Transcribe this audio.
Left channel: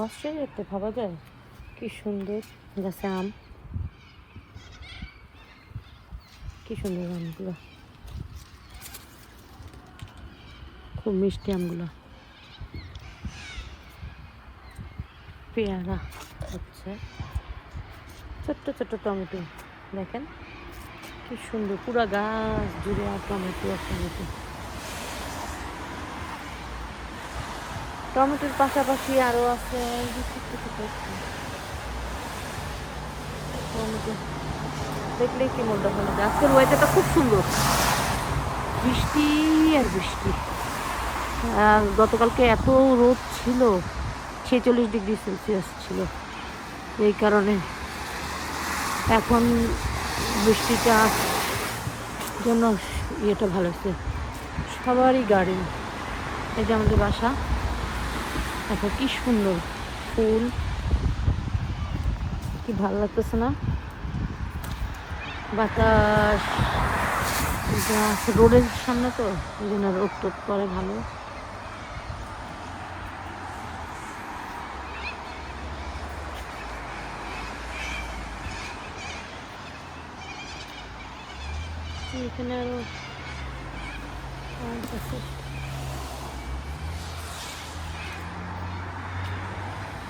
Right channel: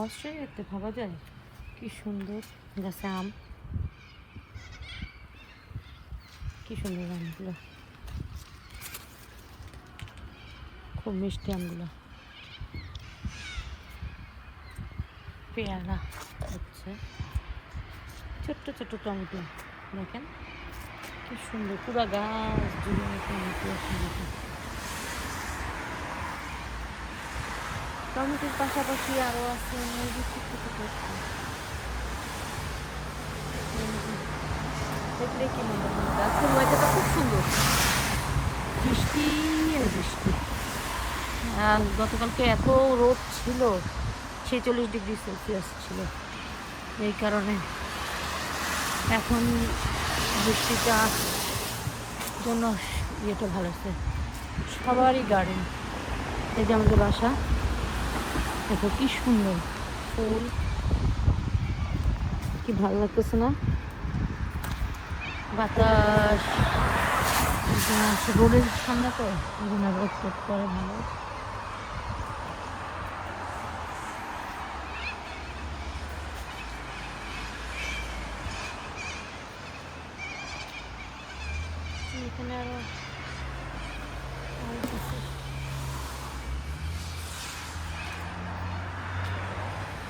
অস্ট্রেলিয়াতে ভাবা যায় কি সুন্দর গাছে আম, কি সুন্দর আমগুলো, খুব মিষ্টি আমগুলো। পেয়ারা, আচ্ছা, ছোট্ট ছোট্ট টমেটো দেখেন কি সুন্দর, পুরা গাছ জুড়ে টমেটো আর টমেটো। টমেটোর পাশাপাশি আরো আছে ছোট্ট ছোট্ট টমেটো, দেখলেই কি মনে হয়। আজকের ওয়েদারটা খুব সুন্দর, বৃষ্টি আর বৃষ্টি। আর গতকালকে এত রোদ ছিল, 46 ডিগ্রি সেলসিয়াস ছিল। এই কারণে এখন বৃষ্টিটা জন্য ইয়েটা ভালো হচ্ছে। সবারই গার্ডেন, এই যে আমাদের বাসা, দেখো কি সুন্দর ফুল, কি ভালো লাগতেছে না? বাতাস, রোদের সামনে তো এই জন্য রোদ করতে ভালো। এখানে